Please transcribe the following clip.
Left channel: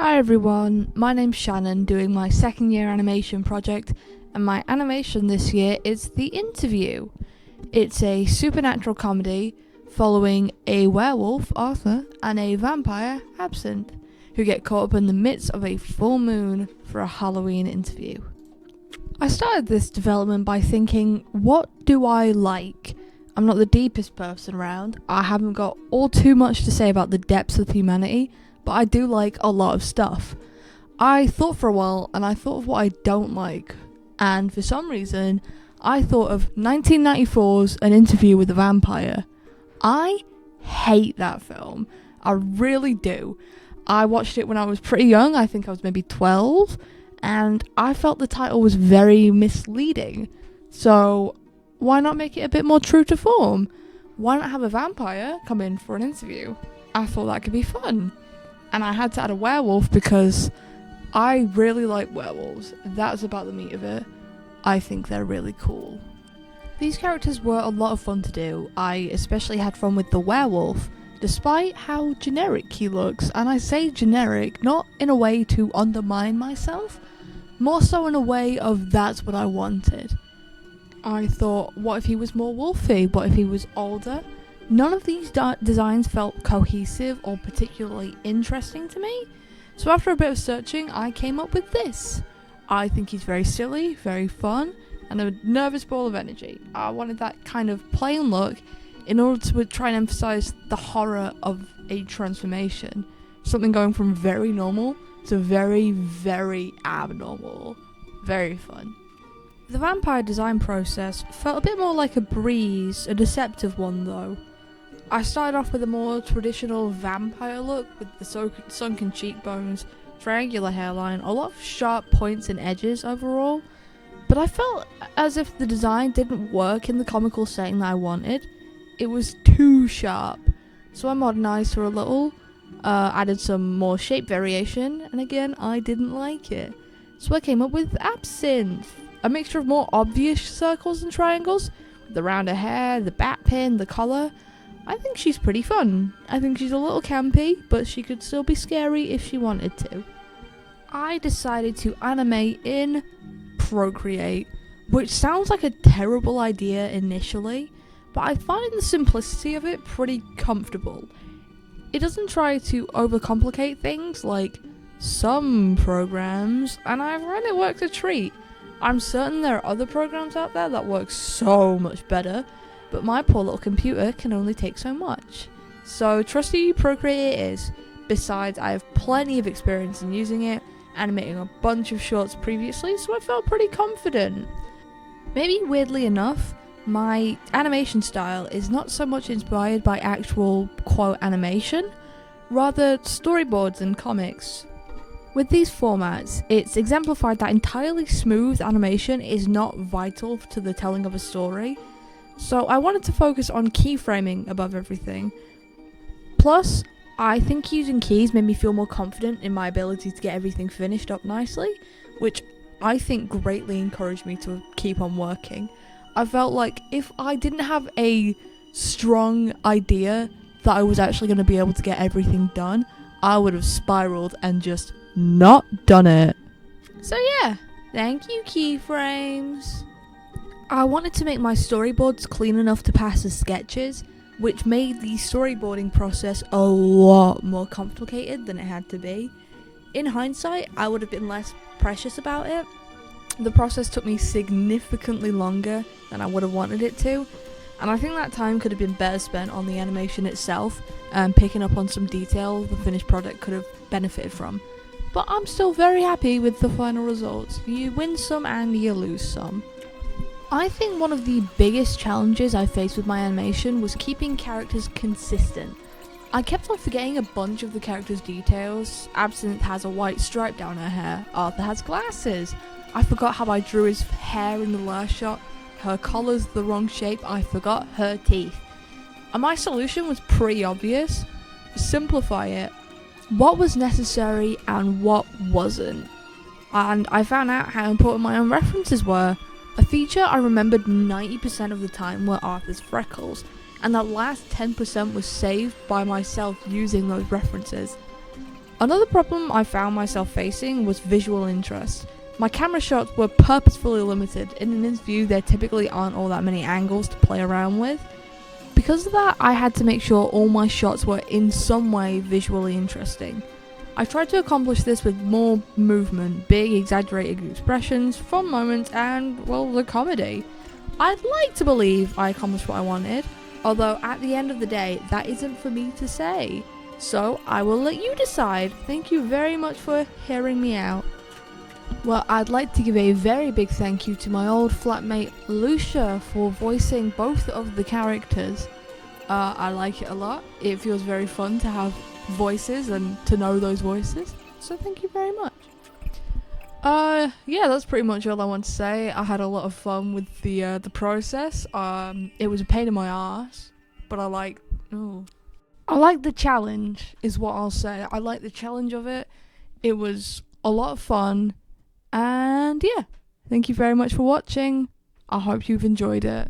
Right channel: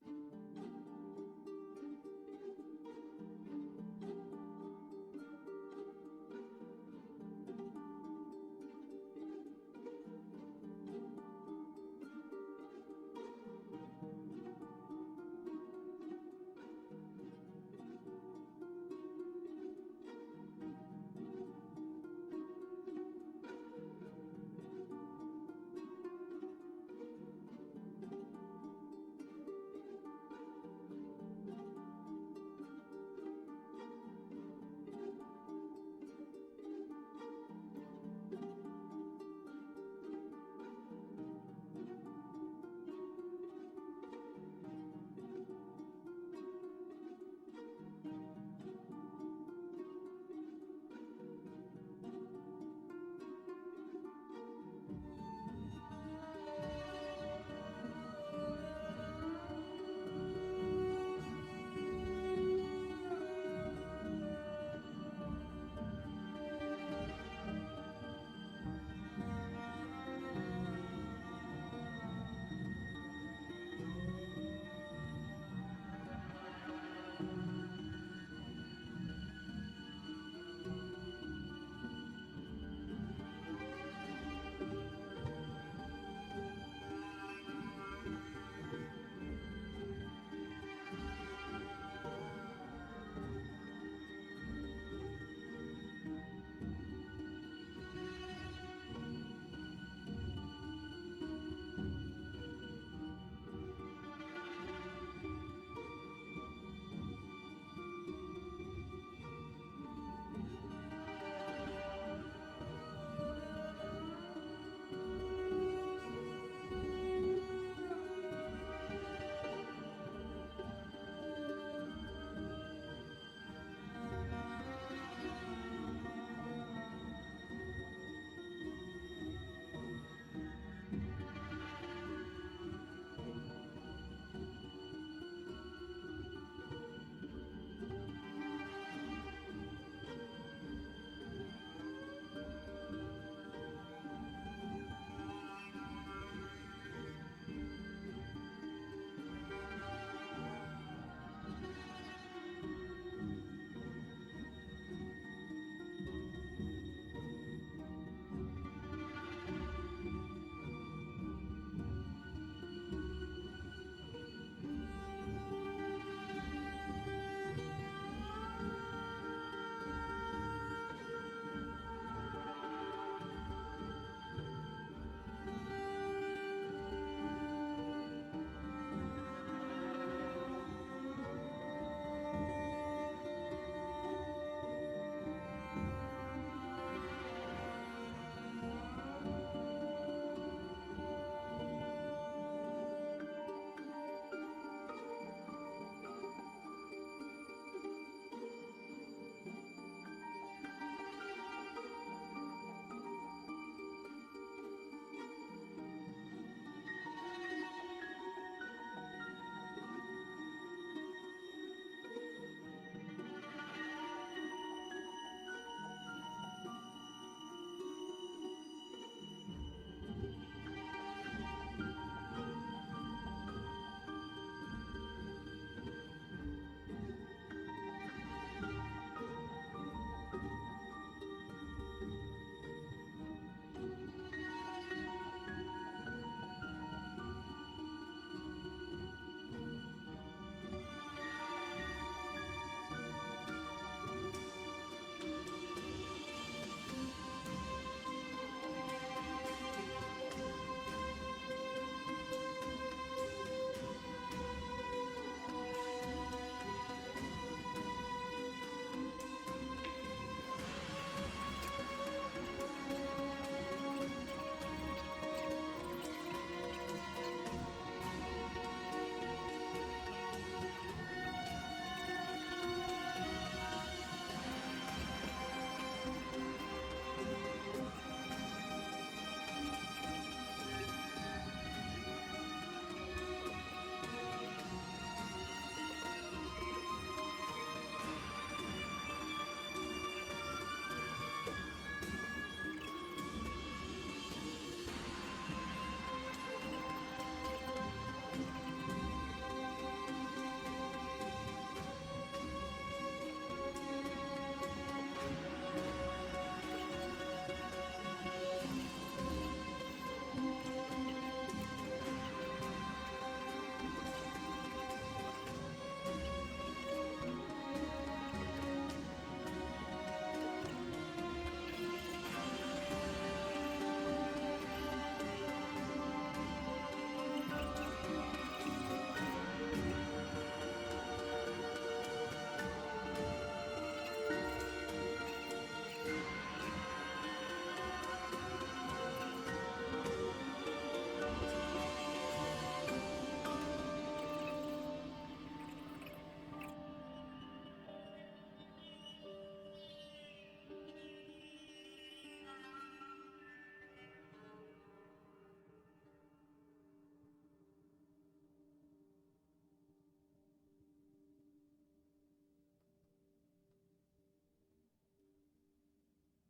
Hi everyone, my name's Shannon, doing my second year animation project, and my animation this year is The Interview. It's a supernatural comedy following a werewolf, Arthur, and a vampire, Absinthe, who get caught up in the midst of a full moon for a Halloween interview. I started this development by thinking, what do I like? I'm not the deepest person around, I haven't got all too much to say about the depths of humanity, but I do like a lot of stuff. I thought for a while and I thought of what I don't like, and for some reason I thought of 1994's An Interview with a Vampire. I hate that film. I really do. I watched it when I was pretty young, I think I was maybe 12, and I felt the title was very misleading. So why not make it a bit more true to form? Why not have a vampire come in for an interview? I thought that could be fun. And I had to add a werewolf because I really like werewolves. That's about the meat of it. I think they're really cool. These characters were a lot of fun to do. I especially had fun with the werewolf, despite how generic he looks. And I say generic not in a way to undermine myself, more so in a way of that's what I wanted. I thought, what if he was more wolfy? What if he was older? None of these designs felt cohesive or particularly interesting to me, so after a bit of searching, I came up with this. I think he's very silly, very fun, and a nervous ball of energy. I wanted that kind of plain look in order to try and emphasize the horror of a transformation. Something going from very normal to very, very abnormal. Very fun. The vampire design process felt a bit more like a breeze, a deceptive one though. I started off with a more traditional vampire look with the sunken cheekbones, triangular hairline, a lot of sharp points and edges overall, but I felt as if the design didn't work in the comical setting that I wanted. It was too sharp, so I modernised her a little, added some more shape variation, and again, I didn't like it. So I came up with Absinthe, a mixture of more obvious circles and triangles, with the rounder hair, the bat pin, the collar. I think she's pretty fun. I think she's a little campy, but she could still be scary if she wanted to. I decided to animate in Procreate, which sounds like a terrible idea initially, but I find the simplicity of it pretty comfortable. It doesn't try to overcomplicate things like some programs, and I find it works a treat. I'm certain there are other programs out there that work so much better, but my poor little computer can only take so much. So trusty Procreate it is. Besides, I have plenty of experience in using it, animating a bunch of shorts previously, so I felt pretty confident. Maybe weirdly enough, my animation style is not so much inspired by actual quote animation, rather storyboards and comics. With these formats, it's exemplified that entirely smooth animation is not vital to the telling of a story. So I wanted to focus on keyframing above everything. Plus, I think using keys made me feel more confident in my ability to get everything finished up nicely, which I think greatly encouraged me to keep on working. I felt like if I didn't have a strong idea that I was actually going to be able to get everything done, I would have spiraled and just not done it. So yeah, thank you keyframes. I wanted to make my storyboards clean enough to pass as sketches, which made the storyboarding process a lot more complicated than it had to be. In hindsight, I would have been less precious about it. The process took me significantly longer than I would have wanted it to, and I think that time could have been better spent on the animation itself and picking up on some detail the finished product could have benefited from. But I'm still very happy with the final results. You win some and you lose some. I think one of the biggest challenges I faced with my animation was keeping characters consistent. I kept on forgetting a bunch of the characters' details. Absinthe has a white stripe down her hair. Arthur has glasses. I forgot how I drew his hair in the last shot. Her collar's the wrong shape. I forgot her teeth. And my solution was pretty obvious. Simplify it. What was necessary and what wasn't. And I found out how important my own references were. A feature I remembered 90% of the time were Arthur's freckles, and that last 10% was saved by myself using those references. Another problem I found myself facing was visual interest. My camera shots were purposefully limited. In an interview, there typically aren't all that many angles to play around with. Because of that, I had to make sure all my shots were in some way visually interesting. I tried to accomplish this with more movement, big exaggerated expressions, fun moments, and, well, the comedy. I'd like to believe I accomplished what I wanted, although at the end of the day, that isn't for me to say. So I will let you decide. Thank you very much for hearing me out. Well, I'd like to give a very big thank you to my old flatmate Lucia for voicing both of the characters. I like it a lot. It feels very fun to have voices and to know those voices. So thank you very much. Yeah, that's pretty much all I want to say. I had a lot of fun with the process. It was a pain in my ass, but I like the challenge, is what I'll say. I like the challenge of it. It was a lot of fun. And yeah, thank you very much for watching. I hope you've enjoyed it.